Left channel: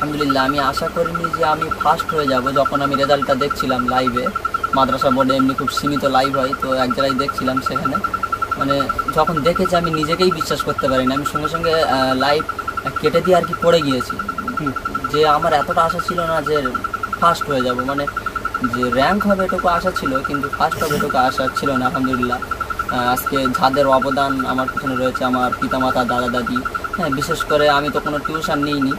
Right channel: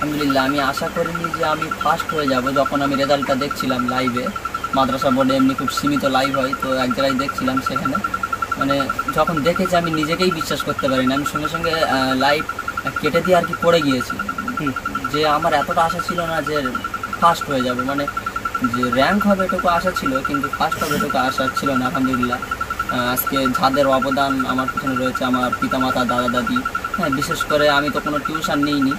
আলহামদুলিল্লাহ, আমি আশা করিনি যে আমি ফার্স্ট হয়ে যাব। যখন আমি রেজাল্টটা দেখছিলাম লাইভে, মাদ্রাসা বোর্ডে এমনি খুব সীমিত লাইভ হয়, তো এক জায়গায় দেখছিলাম, সেখানে মানে যখন দেখেছি আমি নিজেকেই বিশ্বাস করতে পারিনি। আমি সঙ্গে সঙ্গে লাইভ কেটে দিয়ে আর কি পড়ে গিয়েছি, যে আমার এতটা আশা ছিল না যে ফার্স্ট হয়ে যাব, মানে যে র্যাঙ্ক হবে এটুকু আশা ছিল, কিন্তু ফার্স্ট হবে এটুকু আশা ছিল না। আলহামদুলিল্লাহ, আজকে যাদের অবদান আমার পিছনে রয়েছে, আমার পিতামাতা, দাদা দাদি, হ্যাঁ, বিশেষ করে আমি তো কোনো টিউশন নিইনি,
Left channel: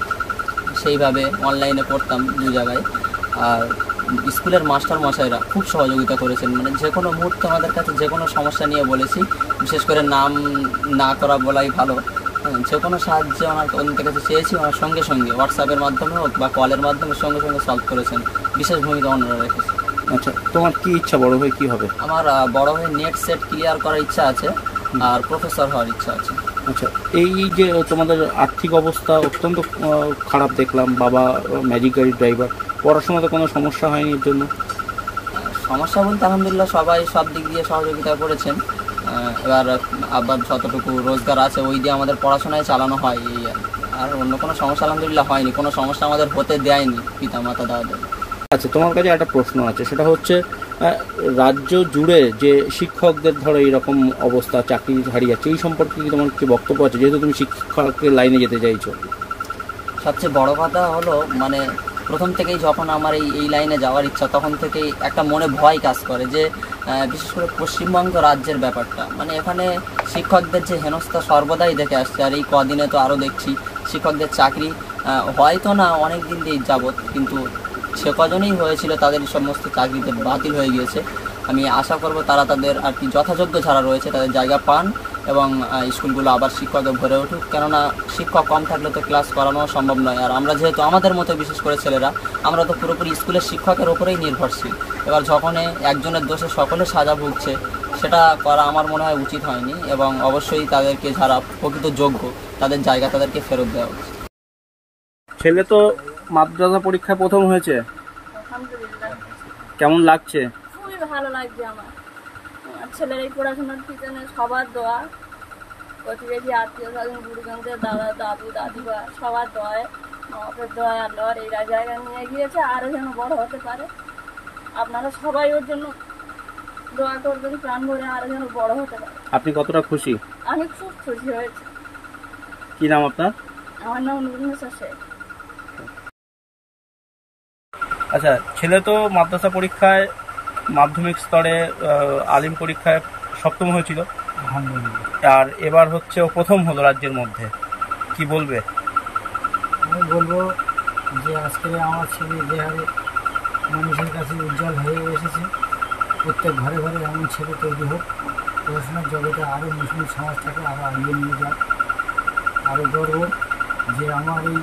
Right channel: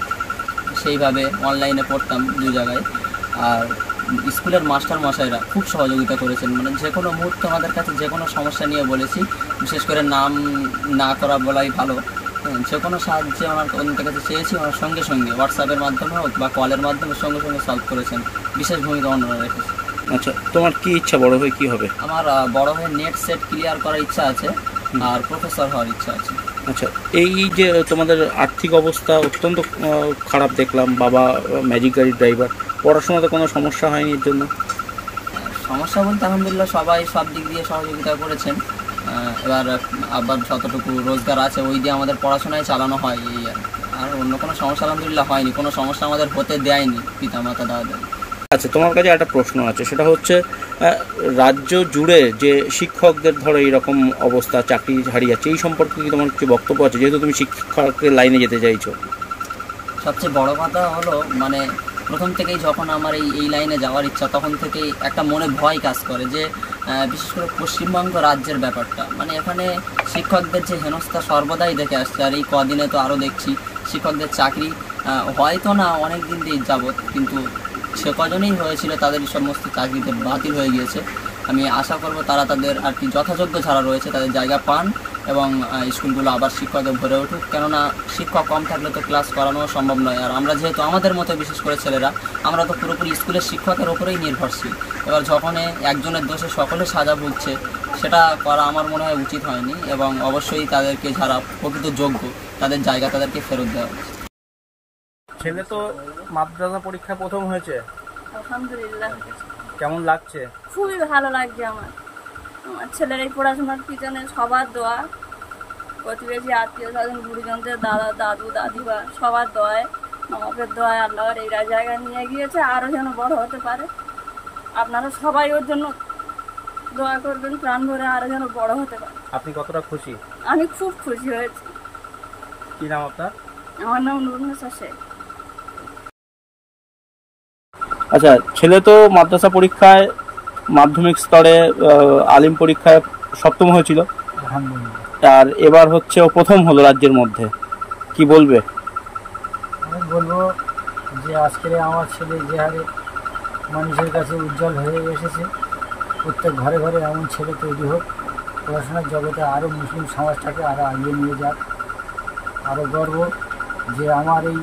সেইভাবে অনলাইনে পড়তাম দু জায়গায়। আর স্কুলের মাস্টার মশাইরা খুব সহযোগিতা করেছেন, মানে যে কোনো মুহূর্তে আমাদের কাছে যে কোনো সমস্যা নিয়ে বলেছি, বিশেষ করে নাম না করা বলাই ভালো, যে কোনো সাহায্যে ওনার কাছে চেয়েছি, ওনার সঙ্গে সঙ্গে হোয়াটসঅ্যাপের মাধ্যমে হোক বা কলের মাধ্যমে সঙ্গে সঙ্গে সলভ করেছেন। বিশেষ ভূমিকা ওনারা রেখেছে। আচ্ছা, তোমার কি ইচ্ছা, বড় হয়ে কি হবে? আমার বড় হয়ে নেট সেট ক্লিয়ার করার ইচ্ছা আছে, আর প্রফেসর হওয়ার ইচ্ছা আছে। আচ্ছা, এই যে তোমাদের আর্থিক অবস্থা অত্যন্ত খারাপ দেখলাম, বাবা ম্যাজিক গাড়ির ড্রাইভার, পড়াশোনাতে কোনো সমস্যা হয়নি এর জন্য? সমস্যা বলতে আলহামদুলিল্লাহ সবাই সব দিক দিয়ে সহযোগিতা করেছেন। এবার আবার যতটুকু রোজগার আছে ওই দিয়ে আমাদের পড়াশোনায় চালানো হয়, এই আর অন্য কোনো সমস্যা আলহামদুলিল্লাহ হয়নি। কোনো সমস্যা আমাদের হতে দেয়নি পিতা মাতা দাদা। আচ্ছা, তোমার কাছে একটা প্রশ্ন আছে, সেটা হচ্ছে রাজ্য জুড়ে যে শিক্ষকদের ধরো এইরকম অবস্থা, চাকরি হারিয়ে যাচ্ছে, এই সম্পর্কে কি তোমার কি বক্তব্য আছে, যেহেতু তুমি শিক্ষকের লাইনে যেতে চাইছো? সবচেয়ে বড় কথা হলো, মানে প্রথম থেকেই যখন আমার এই লাইনে যাওয়ার ইচ্ছা, তখন থেকেই একটা মনে ভয় কাজ করে, যে বিশেষ করে পশ্চিমবঙ্গ রাজ্যের ব্যাপারটা, মানে এখানে শিক্ষকদের যে হেনস্থা সর্বদাই দেখে আসছে, আর এই কদিনে তো আরও দেখছি শিক্ষকদের চাকরি হয়তো না অনেক দিন দিয়ে যাবৎ, কিন্তু সে কজনেই হয়েছিল তাদের সমস্ত চাকরিতে বাতিল হয়ে গিয়েছে। আমি আশা করব তারা তাদের আর কি যথাযোগ্য যারা রয়েছে তাদের জায়গা পান, এবং স্কুলগুলো আবার শিক্ষকে ভরে উঠুক। কেননা শিক্ষক কম থাকলে তো ক্লাস করানো সম্ভব নয়, আর আমরা যেহেতু আমাদের মতো বিশেষ করে ছেলেরা, আমরা তো পুরোপুরি স্কুলের শিক্ষকের ওপরেই নির্ভরশীল। এবার যখন একজনের দোষে সকলে সাজা ভুগছে, সেটা করা আমার মনে হয় উচিত হয়নি, এবং অবশ্যই তাদেরকে যারা প্রকৃত যোগ্য তাদের জায়গা তাদেরকে ফেরত দেওয়া উচিত। ছেলে তো মাদ্রাসা পরীক্ষায় প্রথম হয়েছে, আলহামদুলিল্লাহ। কেমন লাগছে? খুবই ভালো লাগছে আমার ছেলের এই পড়াশোনার পিছনে সবার দোয়া, প্রতিবেশী, আত্মীয় স্বজন, গুরুজনদের, দাদা দাদু দাদিবা সবার দোয়ায়, আমাদের দোয়ায় আল্লাহর এই জায়গায় নিয়ে গিয়েছে, আরও যেন বড় হতে পারে। আপনারা সবাই ওর জন্য দোয়া করবেন প্রাণ ভরে, আরও যেন বড় হতে পারে। আপনি কতটা খুশি? আমি খুব খুশি হয়েছি। কি নাম আপনার? আমার নাম নুরুন্নেসা শেখ। আচ্ছা, ছেলে তো মাদ্রাসা পরীক্ষায় মাধ্যমিক স্তরে আলিম পরীক্ষায় সপ্তম হয়েছিল, আলহামদুলিল্লাহ, আর এবার হচ্ছে ও প্রথম হলো রাজ্যের মধ্যে, কি বলবে? আমি বলবো যে আজকের আমার ছেলে যে হারে মানুষের কাছে উজ্জ্বল হয়ে এসেছে, প্রত্যেক ঘরে ঘরে এমন ছেলে তৈরি হোক, পড়াশোনার জগতে আরও মুসলিম সমাজটাকে আরও এগিয়ে নিয়ে যাক। আরও গর্ব যে আমার এই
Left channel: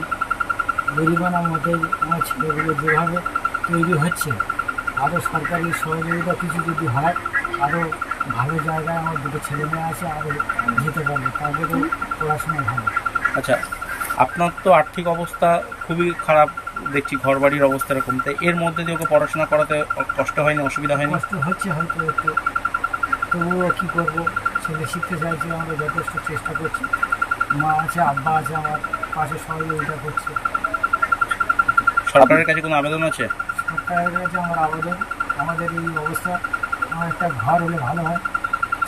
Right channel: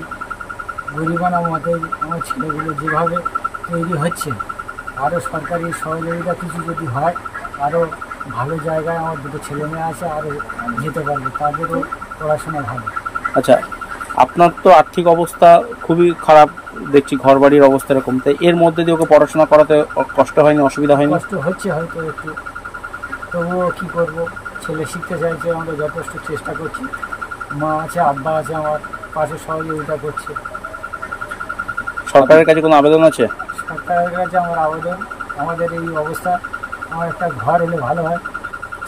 গরিবানা মতে আমার ছেলেগুলো যেভাবে তৈরি হচ্ছে, আরও সরকারি সহযোগিতা কিছু যদি হয়, আরও ভালো জায়গায় আমার দুটো ছেলে মেয়ে আছে, আরও যেতে পারবে, তাদেরও পড়াশোনা ভালো। আচ্ছা, আপনার তো আর্থিক অবস্থা খুবই খারাপ দেখছি, ঘর বাড়ির অবস্থা এরকম, তাই এর মধ্যে দিয়ে ওকে পড়াশোনা করাতে কষ্ট হয়নি, অসুবিধা হয়নি? কষ্ট হচ্ছে হয়তো একটু, তবুও কী করবো, ছেলে শিখতে চাইছে, আমরা যথেষ্ট চেষ্টা করছি, মা আছে, আব্বা আছে, আমার পাশে সহযোগিতা করছে। সরকারের কাছে কোনো আবেদন আছে? সরকারের কাছে আমার আবেদন, আমাদের এই অবস্থা, আমার একটা ঘর হলে ভালো হয়,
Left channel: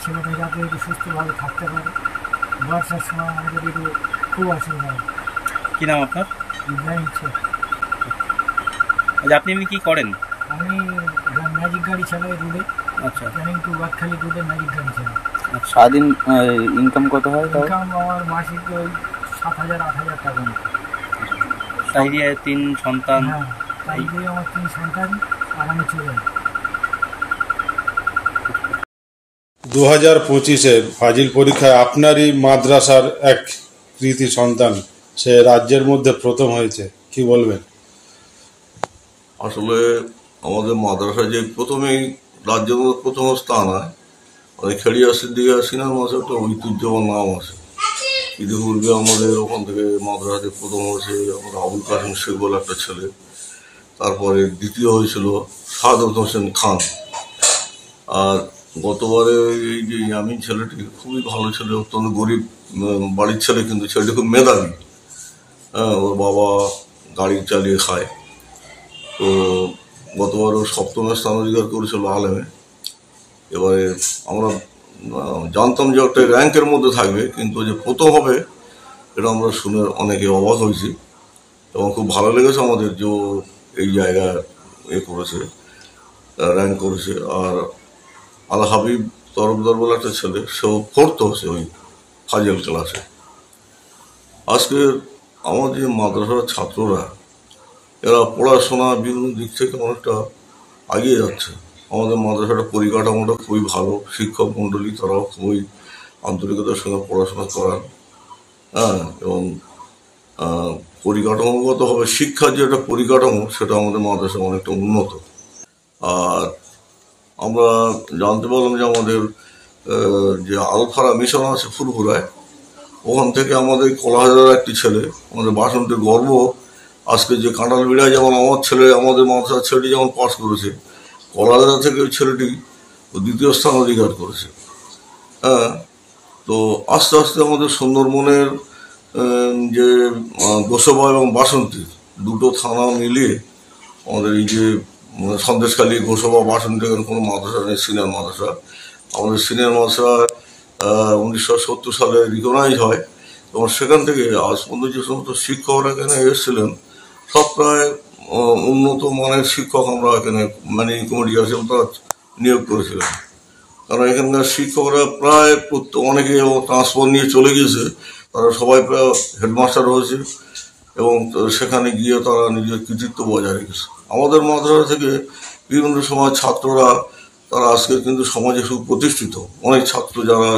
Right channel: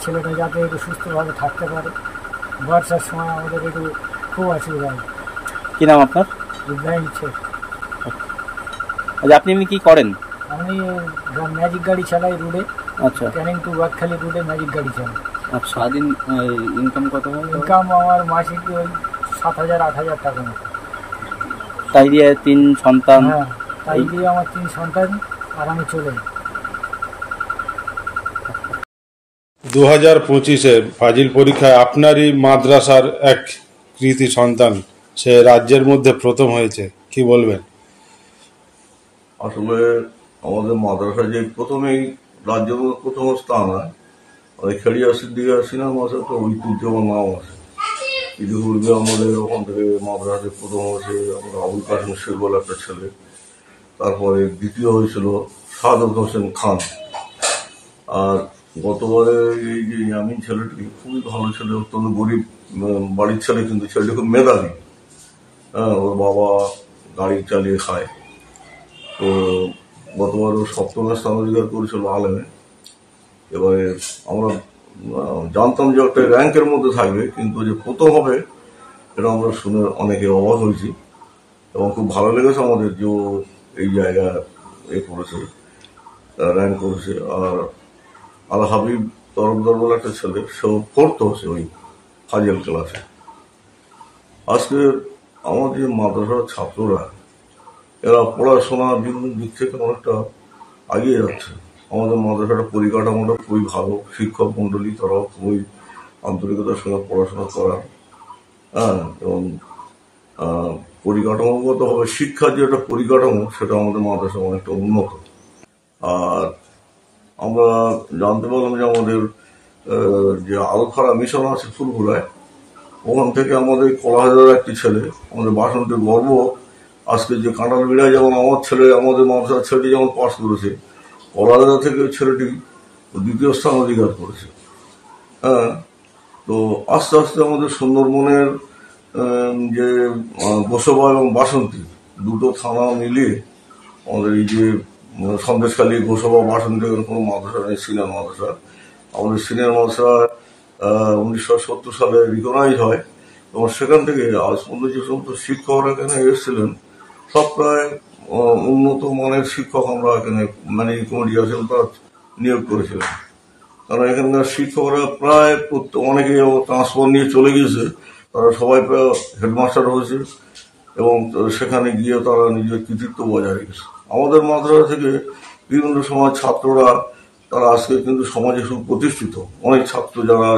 ছেলেটা যাতে একটু সুস্থভাবে থাকতে পারে। বর্ষার সময় আমাদের একটু খুব অসুবিধা হয়। কি নাম আপনার? ইব্রাহিম শেখ। আচ্ছা, আপনি এমনি কী করেন? আমি ম্যাজিক গাড়ি চালাই রোডে। আচ্ছা, ক্যানিং টু বাদখালি রোডে ম্যাজিক গাড়ি চালাই। আচ্ছা, সারাদিন ইনকাম কত হয়? ইনকাম আমার মাসিক ওই 7,000-8,000 টাকা মতো। তাই দিয়ে 3 সন্তান? হ্যাঁ, তাই দিয়ে আমার 3 সন্তান আর আমি চলে। 2025-এ ফাজিল পরীক্ষায় আপনারই মাদ্রাসার এক কৃতি সন্তান সে রাজ্যের মধ্যে প্রথম হয়েছে, কি বলবেন? আসলে আমাদের মাদ্রাসা যে প্রথমেই রাজ্যের মধ্যে প্রথম স্থান হয়, খেলিয়া সিদ্দিকা সিনহার মাসে একটা ঐতিহ্যবান নাম আছে। ইতিপূর্বে আমাদের ওখান থেকে মাদ্রাসাতে প্রথম হয়েছে আমাদের আবুল কাসেম শেখ বলে একটা ছেলে, তারপরে দ্বিতীয় হয়েছিল সাদত হোসেন খান, আর গতবারে এই যে ইয়ামিন ছেলেটি খুবই ভালো ছেলে, অত্যন্ত গরিব বাড়ির ছেলে, কিন্তু ছেলেটি খুব মেধাবী। হ্যাঁ, ওর বাবা গাড়ি চালিয়ে খায়। তো গতবারও 7ম স্থান অধিকার করেছিল আলেমে। এবারে আমরা জানতাম যে একটা র্যাঙ্কের মধ্যে থাকবে, কিন্তু যে প্রথম হবে এটা আমরা শুনে অনেকে অবাক হয়েছি এবং খুব ভালো লেগেছে আমাদের যে এই জায়গায় করেছে, র্যাঙ্ক করেছে। আর আল হাবিব তরফদার বলে একটা ছেলে, সেও 4th হচ্ছে ওই ফাজিল ক্লাসে। আজকে আমাদের মাদ্রাসার ছাত্ররা এরা পড়াশোনা বিভিন্ন দিক থেকে অনেকটা এগিয়ে যাচ্ছে। আমাদের মাদ্রাসাটা পরিকাঠামোটা খুবই ভালো, শিক্ষক মণ্ডলী তারাও খুবই আন্তরিকতার সঙ্গে পড়াশোনা করান। এবং পরিকাঠামোগতভাবে শিক্ষার যে একটা পরিকাঠামো সেটা আমাদের মাদ্রাসা অনেকটা উন্নত। আর আমরা জানতে পারলাম যে আমাদের যে আলফারা মিশন আছে ফুরফুরায়, ওখান থেকে আমাদের কলাহাজার একটি ছেলে, আমাদের বাসন্তীর গর্ব, আজকে যে কাঁঠাল বিড়ায় যেমন আমার ছেলে, আমাদের মাদ্রাসার ছেলেটি যেমন পাস করেছে, কলাহাজারা থেকে ওই ছেলেটি 2য় স্থান অধিকার করেছে। তো আস্তে আস্তে আমাদের সুন্দরবনের যে গোসবা এবং বাসন্তী দুটো থানা মিলিয়ে আমাদের এই যে সন্দেশখালী, গোসবা, বাসন্তী, এখানে কোনো মাদ্রাসা নেই সিনিয়র মাদ্রাসা। আমাদের সিনিয়র মাদ্রাসা 1970 সালে রিকগনাইজ হয় এবং সেখান থেকে আজ পর্যন্ত যে সমস্ত শিক্ষকরা এখানে এসেছিলেন সব প্রায় উন্নত মানের শিক্ষক আমরা এখানে ম্যানেজিং কমিটি আছে তারা নিয়োগ করেছিলাম। কারণ এখানকার শিক্ষকরা প্রায় অনেকে ট্রান্সফার নিয়ে চলে গিয়েছে, তারা সবাই প্রায় হেডমাস্টার হয়েছে এবং সেখানে গিয়ে তারা নিজের কৃতিত্ব বজায় রেখেছে। আমাদের মাদ্রাসা থেকে বিভিন্ন সময় ছাত্ররা তারা আজকে কিন্তু সমাজে সুপ্রতিষ্ঠিত। অনেক ছাত্র যারা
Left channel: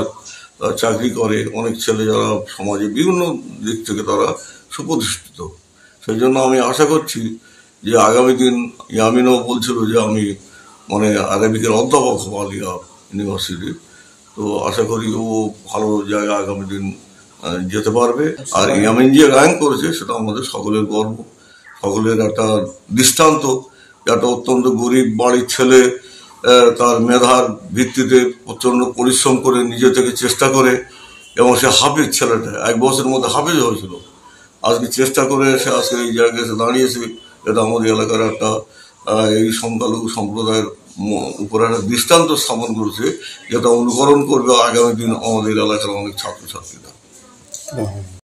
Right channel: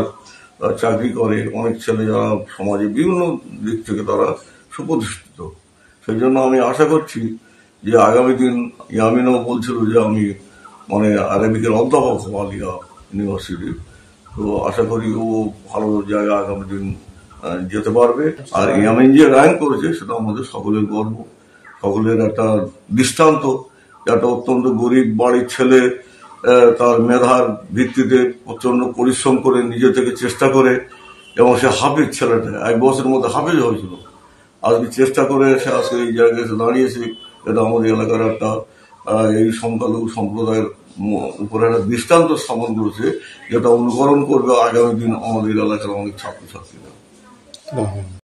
চাকরি করে, অনেক ছেলে যারা সমাজে বিভিন্ন দিক থেকে তারা সুপ্রতিষ্ঠিত। সেই জন্য আমি আশা করছি যে আগামী দিন, ইয়ামিনও বলছিল যে আমি আরবিকের অধ্যাপক হব আলিয়া ইউনিভার্সিটি, তো আশা করি ও ভালো জায়গায় আগামী দিন যেতে পারবে। আর ইয়ামিন যে র্যাঙ্ক করেছে সেটা আমাদের সকলের গর্ব, সকলের একটা দৃষ্টান্ত। একটা অত্যন্ত গরিব বাড়ির ছেলে তার মেধার ভিত্তিতে প্রচণ্ড পরিশ্রম করে নিজে থেকে চেষ্টা করে এবং সে হাফিজ ছেলেটা 1 বছরের মধ্যে হাফিজ হয়েছিল, আজকে চেষ্টা করে সে আজকে এই জায়গায় এসে দাঁড়িয়েছে। এটা আমাদের এলাকার একটা এই সংখ্যালঘু সম্প্রদায়ের উপরে একটা দৃষ্টান্ত স্থাপন করেছে, যেটা অনুকরণ করবে আগামী দিন আমাদের এলাকার অনেক ছাত্রছাত্রীরা।